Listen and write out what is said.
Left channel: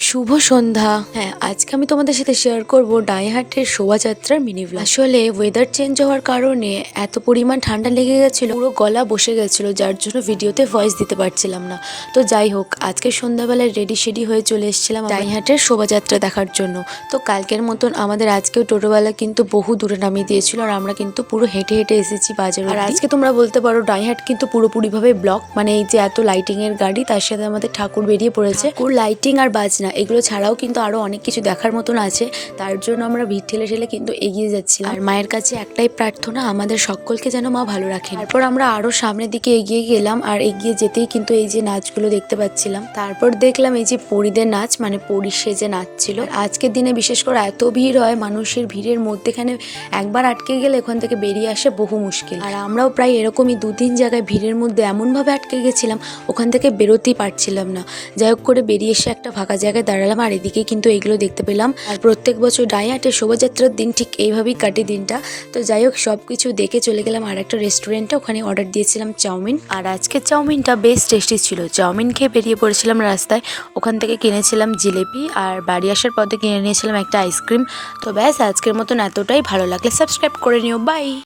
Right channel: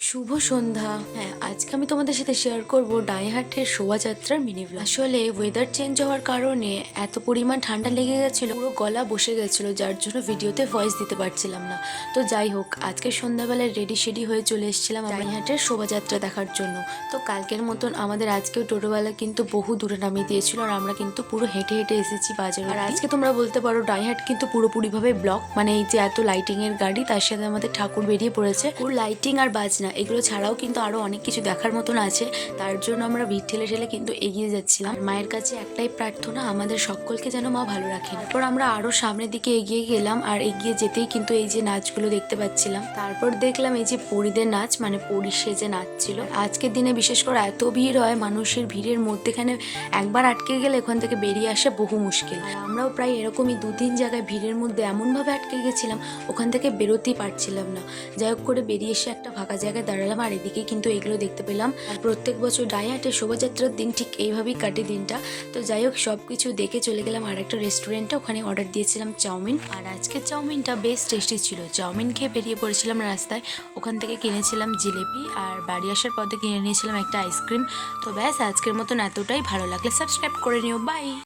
শুভ সন্ধ্যা। হ্যাঁ, আজকে আমি তোমাদের সাথে শেয়ার করব ডাইহাটের শোভাযাত্রার মিনি ব্লগ। আসলে ওয়েদার চেঞ্জ হওয়ার কারণে এত পরিমাণ ঠান্ডা লেগে গেছিল, পুরো গলা বসে গেছিল, যার জন্য ভিডিওতে ভয়েস দিতে পারছিলাম না। তো যাই হোক, আজকে সন্ধ্যাবেলায় রেডি শেডি হয়ে চলে এসেছিলাম ডাইহাটের শোভাযাত্রা দেখার জন্য। তো কালকের মতন আমাদের আজকেও টোটোবেলা কিন্তু বহু দূরে নামিয়ে দিয়েছিল, আর আমরা কিন্তু পুরো হেঁটে হেঁটে এসেছি বাজার। আর আজকে তোমরা বলতে পারো ডাইহাট কিন্তু পুরোপুরিভাবে ব্লক, মানে এই যে এত লাইটিং এর গাড়ি, তার সাথে আমাদের ঠাকুর বেরিয়ে পড়েছে। লাইটিং আর বাজনা এগুলো ছাড়াও কিন্তু আরো অনেক কিছু দেখার মতন আছে, তার জন্য আমরা ভিড় ঠেলে ঠেলে কিন্তু এগিয়ে যাচ্ছিলাম। আর মায়ের কাছে একটাই প্রার্থনা, আমাদের সকলকে যেন মা ভালো রাখেন। তারপর আমরা আরো সামনের দিকে এগিয়ে গেলাম, আর এগিয়ে যেতেই কিন্তু এই যে নাচগুলো দেখতে পাচ্ছিলাম। তারপর দেখলাম এই যে পরীদের নাচ, মানে পরী সেজে নাচছিল। আজকের দিনে বিশেষ করে এত ভিড় হয়, মানুষের ভিড়ের মধ্যেখানে একবার আটকে গেলে ওখান থেকে বেরিয়ে আসা বহু মুশকিল। আর আমরাও প্রায় এরকমই 2-3 জায়গায় ভিড়ের মধ্যে এমনভাবে আটকে গেছিলাম, ওখান থেকে বেরোতেই পারছিলাম না। যাই হোক করে বেরিয়ে এসে একটা ফাঁকা জায়গায় দাঁড়ালাম, আর এদিকে কিন্তু এইগুলো দেখতে পেলাম। আর প্রত্যেক বছর ডাইহাটের শোভাযাত্রার দিন ঠিক এইভাবেই কাটে দিনটা। তো যাই হোক, সবকিছু দেখে চলে গেলাম আর একটা রেস্টুরেন্টে, ওখানে অর্ডার দিয়েছিলাম চাউমিন। আর আজকের চাউমিনটা বেশ টেস্টি ছিল। চাউমিন খেয়ে বেরিয়ে পড়েছিলাম রাস্তায়, ওখান থেকে কিনেছিলাম জিলেপি, আর বাড়ি আসার পথে কিনে নিয়েছিলাম একটা আইসক্রিম। তো ব্যাস, আজকের মতন এতটাই। ভালো লাগলে সাবস্ক্রাইব করে নিও। বাই।